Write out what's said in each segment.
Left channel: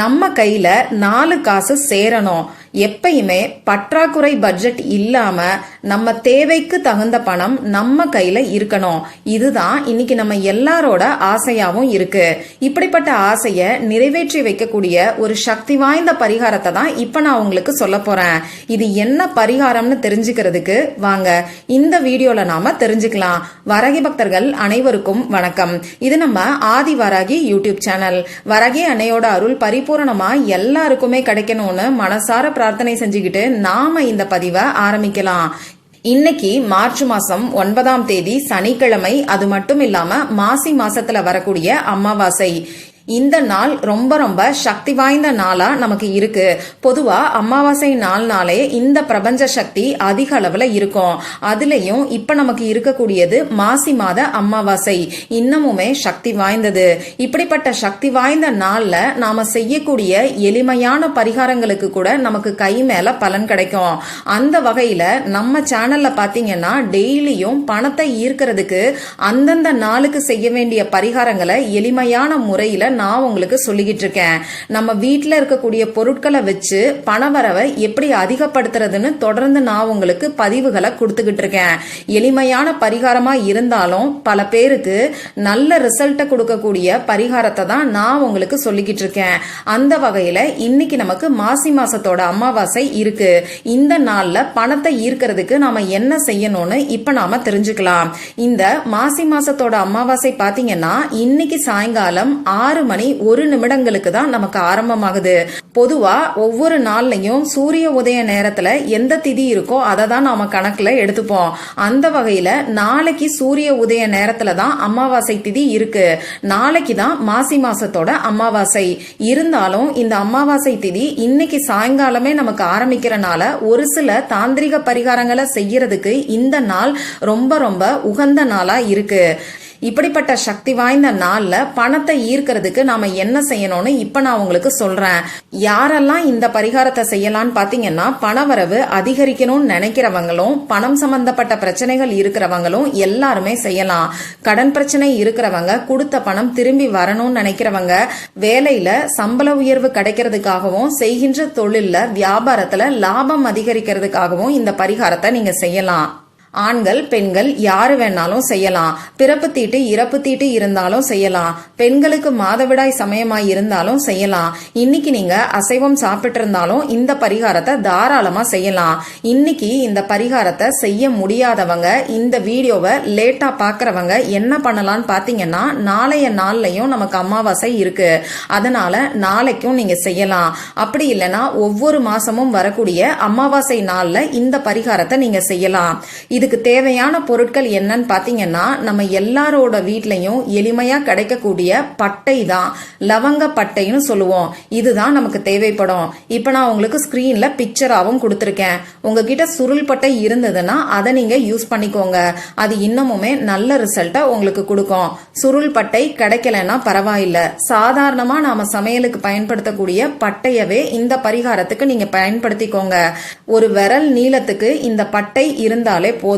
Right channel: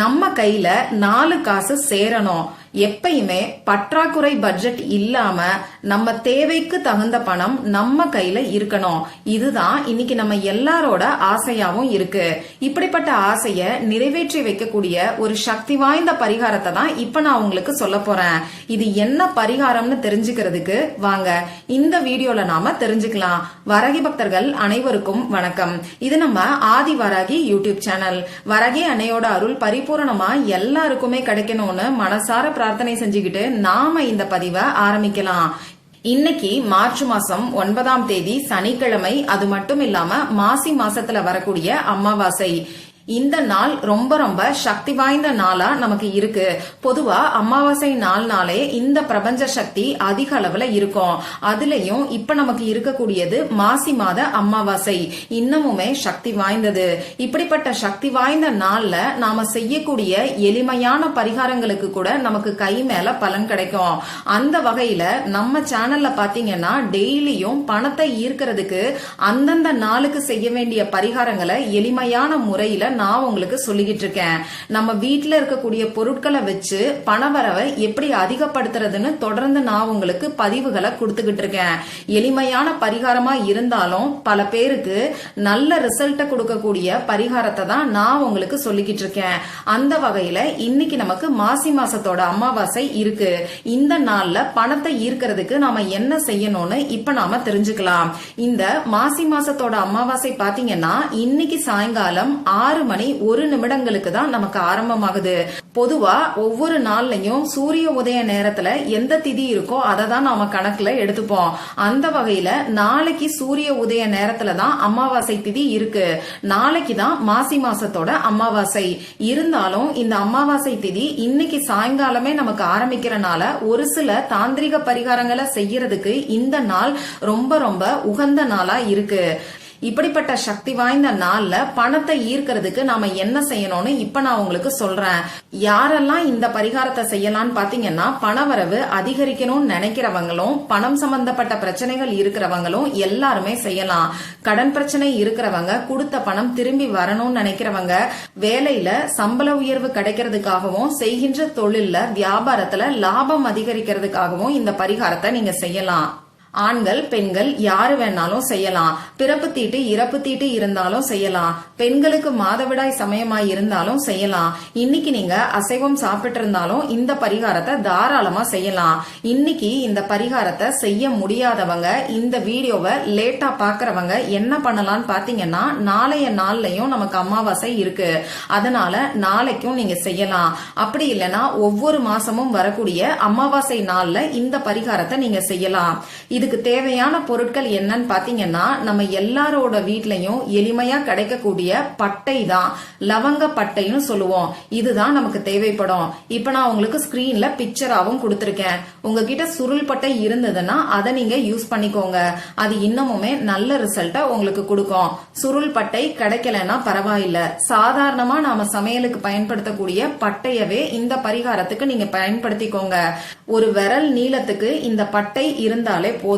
நம்ம கையில 4 காசு சேரணும். எப்பயுமே பற்றாக்குறை பட்ஜெட் இல்லாம நம்ம தேவைக்கு தகுந்த பணம் நம்ம கையில இருக்கணும். இதுதான் இன்னைக்கு நம்ம எல்லாரோட ஆசையாவும் இருக்கு. இப்படிப்பட்ட ஆசைய நிறைவேற்றி வைக்கக்கூடிய ஒரு சக்தி வாய்ந்த பரிகாரத்தை தான் இப்ப நான் உங்களுக்கு சொல்ல போறேன். இது என்ன பரிகாரம்னு தெரிஞ்சுக்கிறதுக்கு வாங்க இந்த வீடியோல நாம தெரிஞ்சுக்கலாம். வராகி பக்தர்கள் அனைவருக்கும் வணக்கம். இது நம்ம ஆதி வராகி யூடியூப் சேனல். வராகி அன்னையோட அருள் பரிபூரணமா எல்லாருக்குமே கிடைக்கணும்னு மனசார பிரார்த்தனை செஞ்சுக்கிட்டு நாம இந்த பதிவை ஆரம்பிக்கலாம். இன்னைக்கு மார்ச் மாசம் 9ஆம் தேதி சனிக்கிழமை. அது மட்டும் இல்லாம மாசி மாசத்துல வரக்கூடிய அமாவாசை. இந்த நாள் ரொம்ப ரொம்ப சக்தி வாய்ந்த நாளா நமக்கு இருக்கு. பொதுவா அமாவாசை நாளே இந்த பிரபஞ்ச சக்தி அதிக அளவுல இருக்கும். அதுலயும் இப்ப நமக்கு இருக்கக்கூடியது மாசி மாத அமாவாசை, இன்னமுமே சக்தி வாய்ந்தது. இப்படிப்பட்ட சக்தி வாய்ந்த நாள்ல நாம செய்யக்கூடிய எளிமையான பரிகாரங்களுக்கு கூட நமக்கு கை மேல பலன் கிடைக்கும். அந்த வகையில நம்ம சேனல்ல பாத்தீங்கன்னா டெய்லியும் பணத்தை ஈர்க்கிறதுக்கு அந்தந்த நாளுக்கு செய்ய வேண்டிய பரிகாரங்களை எளிமையான முறையில நான் உங்களுக்கு சொல்லிக்கிட்டு இருக்கேன். நம்ம வீட்டுல இருக்கக்கூடிய பொருட்களை வச்சு பணவரவை எப்படி அதிகப்படுத்துறதுன்னு தொடர்ந்து நான் உங்களுக்கு பதிவுகளை கொடுத்துக்கிட்டு இருக்கேன். எளிமையான பரிகாரமா இருந்தாலும் பல பேருக்கு நல்ல ரிசல்ட்டை கொடுக்கக்கூடிய பரிகாரத்தை தான் நான் உங்களுக்கு சொல்லிக்கிட்டு இருக்கேன். அந்த வகையில இன்னைக்கு நமக்கு மாசி மாசத்தோட அமாவாசை இருக்கு. இந்த நாள்ல பணத்தை ஈர்க்கிறதுக்கு நாம என்ன செய்யணும்னு இப்ப நாம தெரிஞ்சுக்கலாம். இந்த மாசி மாசத்தோட அமாவாசை பாத்தீங்கன்னா இன்னைக்கு சாயங்காலம் 6:01 தான் நமக்கு ஆரம்பமாகுது. பொதுவா ஒவ்வொரு நாள்லயும் சூரிய உதய நேரத்துல எந்த திதி இருக்கோ அதை தான் நாம கணக்குல எடுத்துப்போம். அந்த வகையில நாளைக்கு சூரிய உதய நேரத்துல தான் அமாவாசை திதி இருக்கு. நாளைக்கு தான் மாசி மாசத்தோட அமாவாசை. இருந்தாலும் இந்த அமாவாசை திதி இன்னைக்கு சாயங்காலமே நமக்கு ஆரம்பிக்கிறனால ஒரு சில தாந்திரிக பரிகாரங்களை செய்யறதுக்கு இந்த நாள் ரொம்ப ரொம்ப உகந்த நாளா இருக்கு. இப்படிப்பட்ட சக்தி வாய்ந்த நாள்ல பணத்தை ஈர்க்கிறதுக்கு நாம என்ன செய்யணும்னு இப்ப நான் உங்களுக்கு சொல்றேன். யாரெல்லாம் இந்த பரிகாரத்தை செய்யலாம்னு பாத்தீங்கன்னா பணவரவு அதிகரிக்கணும்னு நினைக்கிறவங்களும் பணம் சம்பந்தப்பட்ட பிரச்சனைகள் இருக்கிறவங்களும் எல்லாருமே செய்யலாம். கடன் பிரச்சனை இருக்கிறவங்க, கொடுத்த பணம் திரும்பி வரணும்னு நினைக்கிறவங்க, வேலையில சம்பள உயர்வு கிடைக்கிறதுக்காகவும் செய்கின்ற தொழில்ல வியாபாரத்துல லாபம் அதிகரிக்கிறதுக்காகவும் இந்த பரிகாரத்தை நீங்க செய்யலாம். ஆண்கள் பெண்கள் யாரு வேணாலும் செய்யலாம். பிறப்பு தீட்டு இறப்பு தீட்டு இருந்தாலும் செய்யலாம். பெண்களுக்கு மாதவிடாய் சமயமாய் இருந்தாலும் செய்யலாம். இன்னைக்கு நீங்க அசைவம் சாப்பிட்டு இருந்தாலும் இந்த பரிகாரத்தை தாராளமா செய்யலாம். இன்னைக்கு இந்த பரிகாரத்தை செய்ய முடியாதவங்க, இந்த வீடியோவை லேட்டா பாக்குறவங்க என்ன பண்ணலாம்னு பாத்தீங்கன்னா நாளைய நாள்லயும் நமக்கு அமாவாசை இருக்கு. அதனால நாளைக்கும் நீங்க செய்யலாம். அப்படி இல்லைன்னா ஒவ்வொரு மாசமும் வரக்கூடிய அமாவாசை நாள்ல இந்த பரிகாரத்தை நீங்க செய்யலாம். இதுக்கு தேவையான பொருட்கள் என்னன்னு பாத்தீங்கன்னா நம்ம எல்லாரோட வீட்லயும் எளிமையா கிடைக்கக்கூடிய பட்டை தான், லவங்க பட்டைன்னு சொல்லுவோம். இதுதான் நமக்கு தேவைப்படும். இப்ப நான் உங்களுக்கு ஸ்கிரீன்ல பிக்சராவும் கொடுத்திருக்கேன். உங்ககிட்ட சுருள் பட்டை இருந்ததுன்னா அதை நீங்க யூஸ் பண்ணிக்கோங்க. அது இன்னமுமே நல்ல ரிசல்ட்டை உங்களுக்கு கொடுக்கும். சுருள் பட்டை கிடைக்கலன்னா பரவாயில்ல, சாதாரணமா நாம சமையலுக்கு பயன்படுத்தக்கூடிய பட்டையவே இந்த பரிகாரத்துக்கு நீங்க பயன்படுத்திக்கோங்க. ஒரு விரல் நீளத்துக்கு இந்த பட்டை இருந்தாலே போதும்.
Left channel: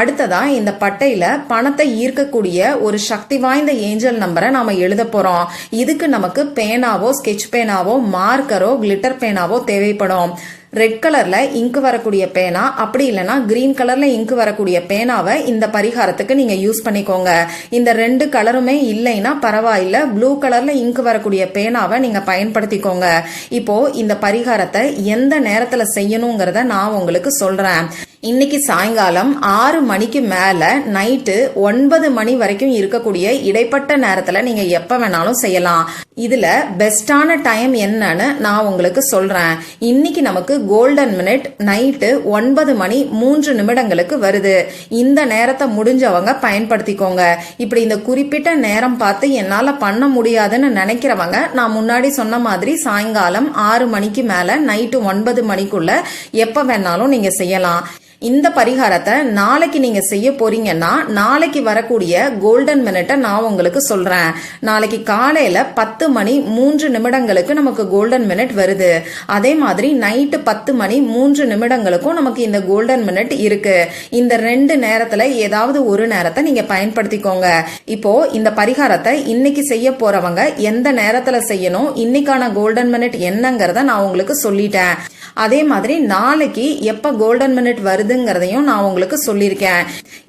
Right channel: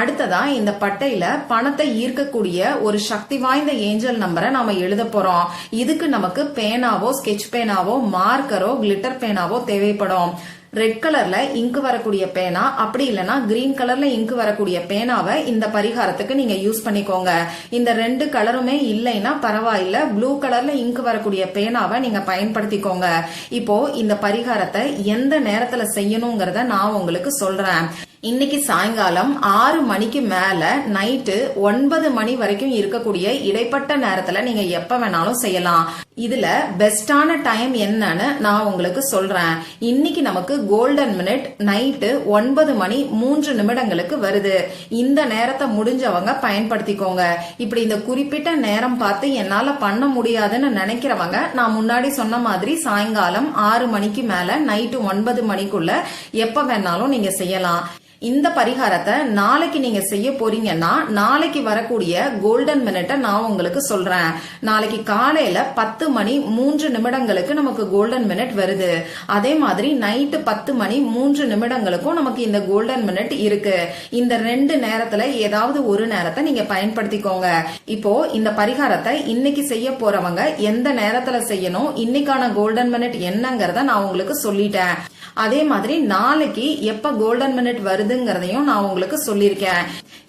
அடுத்ததா இந்த பட்டையில பணத்தை ஈர்க்கக்கூடிய ஒரு சக்தி வாய்ந்த ஏஞ்சல் நம்பரை நாம எழுத போறோம். இதுக்கு நமக்கு பேனாவோ, ஸ்கெட்ச் பேனாவோ, மார்க்கரோ, கிளிட்டர் பேனாவோ தேவைப்படும். ரெட் கலர்ல இங்கு வரக்கூடிய பேனா, அப்படி இல்லைன்னா கிரீன் கலர்ல இங்கு வரக்கூடிய பேனாவை இந்த பரிகாரத்துக்கு நீங்க யூஸ் பண்ணிக்கோங்க. இந்த 2 கலருமே இல்லைன்னா பரவாயில்ல, ப்ளூ கலர்ல இங்கு வரக்கூடிய பேனாவை நீங்க பயன்படுத்திக்கோங்க. இப்போ இந்த பரிகாரத்தை எந்த நேரத்துல செய்யணுங்கிறத நான் உங்களுக்கு சொல்றேன். இன்னைக்கு சாயங்காலம் 6 மணிக்கு மேல நைட்டு 9 மணி வரைக்கும் இருக்கக்கூடிய இடைப்பட்ட நேரத்துல நீங்க எப்ப வேணாலும் செய்யலாம். இதுல பெஸ்டான டைம் என்னன்னு நான் உங்களுக்கு சொல்றேன். இன்னைக்கு நமக்கு கோல்டன் மினிட் நைட்டு 9:03 வருது. இந்த நேரத்தை முடிஞ்சவங்க பயன்படுத்திக்கோங்க. இப்படி இந்த குறிப்பிட்ட நேரம் பார்த்து என்னால பண்ண முடியாதுன்னு நினைக்கிறவங்க நான் முன்னாடி சொன்ன மாதிரி சாயங்காலம் 6 மணிக்கு மேல நைட்டு 9 மணிக்குள்ள எப்ப வேணாலும் நீங்க செய்யலாம். இந்த பரிகாரத்தை நாளைக்கு நீங்க செய்ய போறீங்கன்னா நாளைக்கு வரக்கூடிய கோல்டன் மினிட்டை நான் உங்களுக்கு சொல்றேன். நாளைக்கு காலையில 10 மணி 3 நிமிடங்களுக்கு நமக்கு கோல்டன் மினிட் வருது. அதே மாதிரி நைட்டு 10 மணி 3 நிமிடங்களுக்கும் நமக்கு இந்த கோல்டன் மினிட் இருக்கு. இந்த 2 நேரத்துல ஏதாவது ஒரு நேரத்தை நீங்க பயன்படுத்திக்கோங்க. இப்போ இந்த பரிகாரத்தை இன்னைக்கு செய்ய போறவங்க எந்த நேரத்துல செய்யணும், இன்னைக்கான கோல்டன் மினிட் என்னங்கறத நான் உங்களுக்கு சொல்லிட்டேன். அதே மாதிரி நாளைக்கு எப்ப கோல்டன் மினிட் வருதுங்கிறதையும் நான் உங்களுக்கு சொல்லியிருக்கேன்.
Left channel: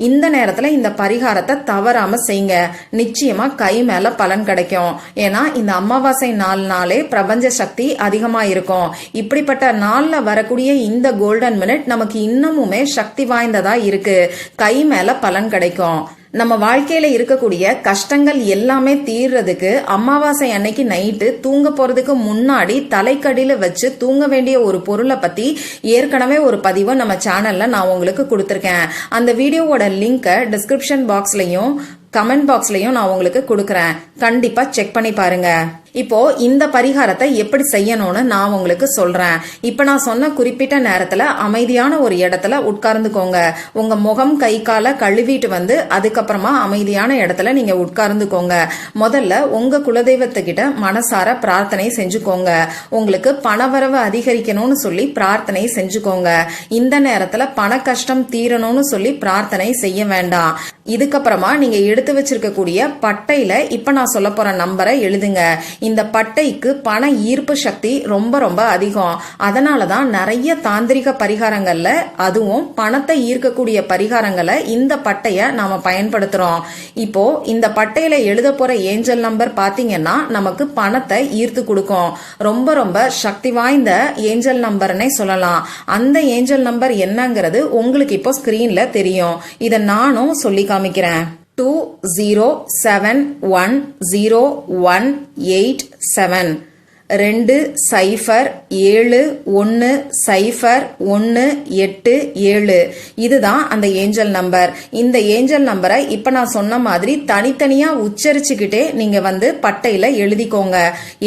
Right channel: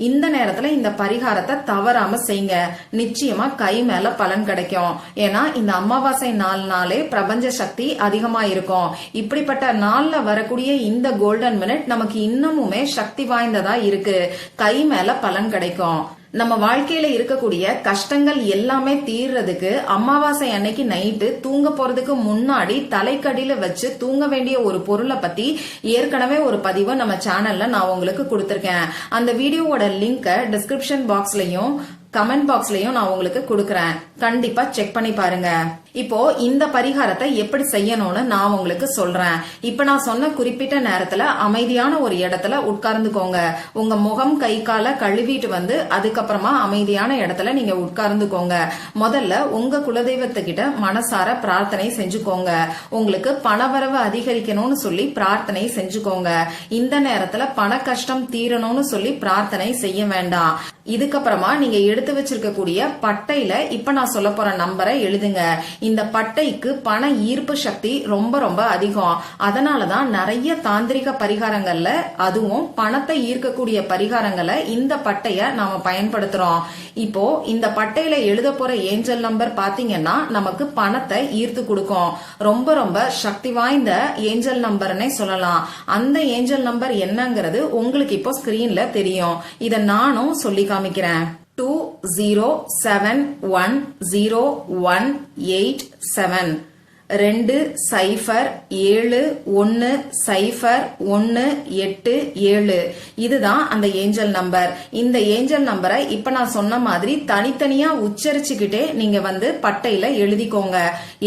இந்த நேரத்துல இந்த பரிகாரத்தை தவறாம செய்யுங்க. நிச்சயமா கை மேல பலன் கிடைக்கும். ஏன்னா இந்த அமாவாசை நாளே பிரபஞ்ச சக்தி அதிகமா இருக்கும். இப்படிப்பட்ட நாள்ல வரக்கூடிய இந்த கோல்டன் மினிட் நமக்கு இன்னமுமே சக்தி வாய்ந்ததா இருக்கு. கை மேல பலன் கிடைக்கும். நம்ம வாழ்க்கையில இருக்கக்கூடிய கஷ்டங்கள் எல்லாமே தீர்றதுக்கு அமாவாசை அன்னைக்கு நைட்டு தூங்க போறதுக்கு முன்னாடி தலைக்கடியில வச்சு தூங்க வேண்டிய ஒரு பொருளை பத்தி ஏற்கனவே ஒரு பதிவை நம்ம சேனல்ல நான் உங்களுக்கு கொடுத்திருக்கேன். அந்த வீடியோவோட லிங்கை டிஸ்கிரிப்ஷன் பாக்ஸ்லயும் கமெண்ட் பாக்ஸ்லயும் நான் உங்களுக்கு கொடுக்கறேன். கண்டிப்பா செக் பண்ணி பாருங்க. இப்போ இந்த பரிகாரத்தை எப்படி செய்யணும்னு நான் உங்களுக்கு சொல்றேன். இப்ப நான் சொன்ன குறிப்பிட்ட நேரத்துல அமைதியான ஒரு இடத்துல உட்கார்ந்துக்கோங்க. உங்க முகம் கை காலை கழுவிட்டு வந்து அதுக்கப்புறமா அமைதியான இடத்துல நீங்க உட்கார்ந்துக்கோங்க. முதல்ல உங்க குலதெய்வத்துக்கிட்ட மனசார பிரார்த்தனை செஞ்சுக்கோங்க. உங்களுக்கு பணவரவு அதிகரிக்கணும்னு சொல்லி பிரார்த்தனை செஞ்சுக்கோங்க. இந்த நேரத்துல பண கஷ்டம் தீரணும்னு சொல்லி பிரார்த்தனை செய்ய வேண்டாம். இதுக்கப்புறமா நீங்க எடுத்து வச்சிருக்கக்கூடிய பட்டையில இப்ப நான் சொல்ல போற நம்பரை எழுதுங்க. இந்த பட்டைக்கு பண ஈர்ப்பு சக்தி ரொம்ப ரொம்ப அதிகம். அதனாலதான் நிறைய தாந்திரிக பரிகாரங்கள்ல அதுவும் பணத்தை ஈர்க்கக்கூடிய பரிகாரங்களை இந்த பட்டைய நாம பயன்படுத்துறோம். இப்போ இந்த பட்டையில எழுத போற ஏஞ்சல் நம்பர் பாத்தீங்கன்னா நமக்கு பணத்தை ஈர்த்து கொடுக்கும். ரொம்ப ரொம்ப சக்தி வாய்ந்த ஏஞ்சல் நம்பர்னே சொல்லலாம். அந்த ஏஞ்சல் நம்பர் என்னங்கிறது உங்களுக்கு இப்போ ஸ்கிரீன்ல தெரியும். இத நானும் சொல்லி காமிக்கிறேன். 20710187 20710187. இதுதான் அந்த ஏஞ்சல் நம்பர். இந்த ஏஞ்சல் நம்பரை இப்ப நான் சொன்ன மாதிரி தனித்தனியா உச்சரிச்சுக்கிட்டே நீங்க வந்து பட்டையில எழுதிக்கோங்க.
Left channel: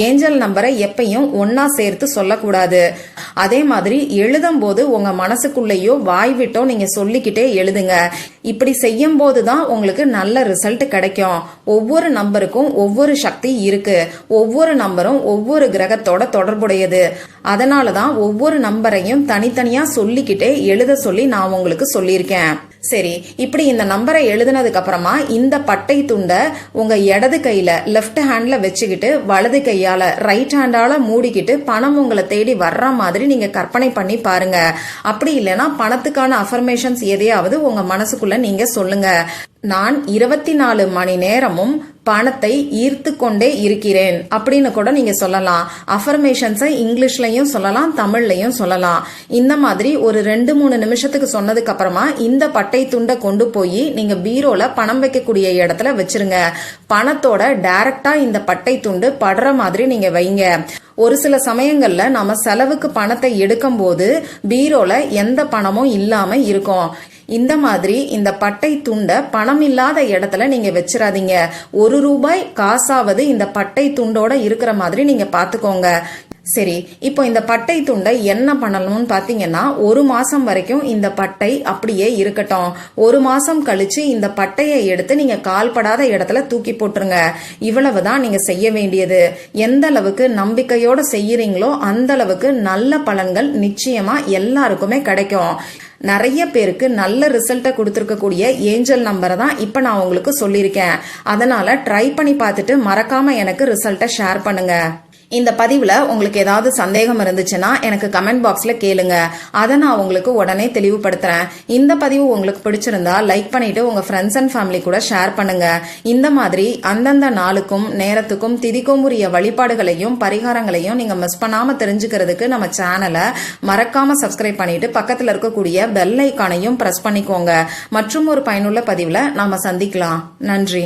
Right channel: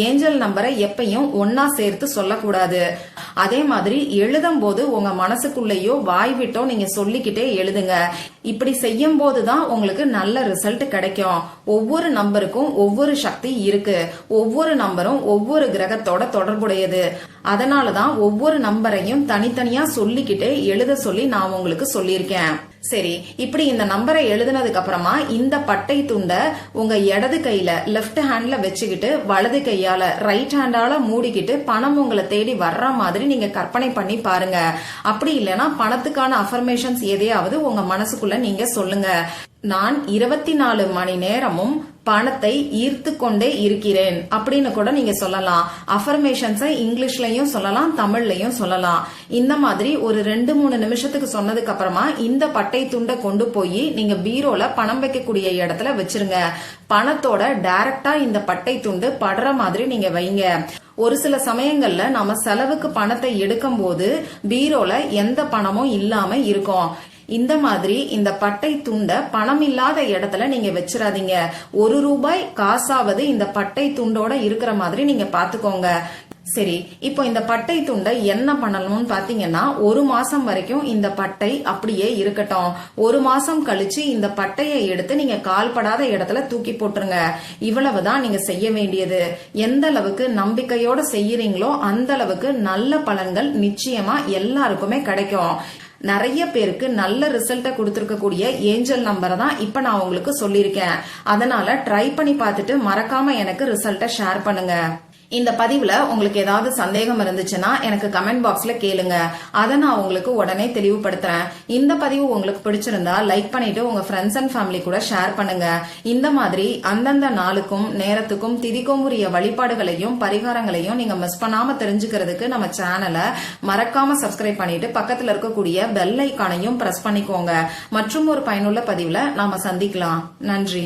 ஏஞ்சல் நம்பரை எப்பயும் ஒன்னா சேர்த்து சொல்லக்கூடாது. அதே மாதிரி எழுதும் போது உங்க மனசுக்குள்ளேயோ வாய் விட்டோ நீங்க சொல்லிக்கிட்டே எழுதுங்க. இப்படி செய்யும் போதுதான் உங்களுக்கு நல்ல ரிசல்ட் கிடைக்கும். ஒவ்வொரு நம்பருக்கும் ஒவ்வொரு சக்தி இருக்கு. ஒவ்வொரு நம்பரும் ஒவ்வொரு கிரகத்தோட தொடர்புடையது. அதனாலதான் ஒவ்வொரு நம்பரையும் தனித்தனியா சொல்லிக்கிட்டே எழுத சொல்லி நான் உங்களுக்கு சொல்லியிருக்கேன். சரி, இப்படி இந்த நம்பரை எழுதினதுக்கு அப்புறமா இந்த பட்டை துண்டை உங்க இடது கையில லெப்ட் ஹேண்ட்ல வச்சுக்கிட்டு வலது கையால ரைட் ஹேண்டால மூடிக்கிட்டு பணம் உங்களை தேடி வர்ற மாதிரி நீங்க கற்பனை பண்ணி பாருங்க. அப்படி இல்லைன்னா பணத்துக்கான அஃபர்மேஷன்ஸ் எதையாவது உங்க மனசுக்குள்ள நீங்க சொல்லுங்க. நான் 24 மணி நேரமும் பணத்தை ஈர்த்து கொண்டே இருக்கிறேன் அப்படின்னு கூட நீங்க சொல்லலாம். அஃபர்மேஷன்ஸை இங்கிலீஷ்லயும் சொல்லலாம், தமிழ்லயும் சொல்லலாம். இந்த மாதிரி ஒரு 2-3 நிமிஷத்துக்கு சொன்னதுக்கு அப்புறமா இந்த பட்டை துண்டை கொண்டு போய் நீங்க பீரோல பணம் வைக்கக்கூடிய இடத்துல வச்சிருங்க. பணத்தோட டைரக்டா இந்த பட்டை துண்டு படுற மாதிரி நீங்க வைங்க. ஒரு சில சமயங்கள்ல நம்ம செலவுக்கு பணத்தை எடுக்கும் போது பீரோல எந்த பணமும் இல்லாம இருக்கும். இந்த மாதிரி இந்த பட்டை துண்டை பணம் இல்லாத இடத்துல நீங்க வச்சிடாதீங்க. 1 ரூபாய் காசாவது இந்த பட்டை துண்டோட இருக்கிற மாதிரி நீங்க பாத்துக்கோங்க. சரி, இப்போ இந்த பட்டை துண்டை என்ன பண்ணணும்னு பாத்தீங்கன்னா 1 மாசம் வரைக்கும் இந்த பட்டை அப்படியே இருக்கட்டும். 1 மாசம் கழிச்சு இந்த பட்டையை எடுத்து நீங்க கால்படாத இடத்துல தூக்கி போட்டுருங்க. இவ்வளவுதான் நீங்க செய்ய வேண்டியது. எந்த அளவுக்கு நம்பிக்கையோட செய்யறீங்களோ அந்த அளவுக்கு நல்ல பலன்கள் நிச்சயமா எல்லாருக்குமே கிடைக்கும். நிறைய பேருக்கு நல்ல ரிசல்ட்டை கொடுத்திருக்கக்கூடிய ஏஞ்சல் நம்பரை தான் இப்ப நான் உங்களுக்கு சொல்லியிருக்கேன். அதனால ட்ரை பண்ணி பார்த்துட்டு மறக்காம எனக்கு ரிசல்ட்டை ஷேர் பண்ணுங்க. இந்த பதிவுல உங்களுக்கு ஏதாவது சந்தேகம் இருந்துச்சுன்னா எனக்கு கமெண்ட் பாக்ஸ்ல கேளுங்க. அதை நான் உங்களுக்கு உடனே தெளிவுபடுத்துறேன். இந்த பதிவு உங்களுக்கு பிடிச்சிருந்தா லைக் பண்ணிட்டு உங்க ஃப்ரெண்ட்ஸ் அண்ட் ஃபேமிலி கூட ஷேர் பண்ணுங்க. இந்த மாதிரி அந்தந்த நாளுக்கும் நேரத்துக்கும் திதிக்கும் உரிய வழிபாடுகளையும் பரிகாரங்களையும் நீங்க மிஸ் பண்ணாம தெரிஞ்சுக்கிறதுக்கு நம்ம சேனலை மறக்காம சப்ஸ்கிரைப் பண்ணிட்டு பக்கத்துல இருக்கக்கூடிய பெல் ஐக்கானையும் பிரஸ் பண்ணிக்கோங்க. மற்றும் ஒரு பயனுள்ள பதிவுல நாம சந்திக்கலாம். நன்றி.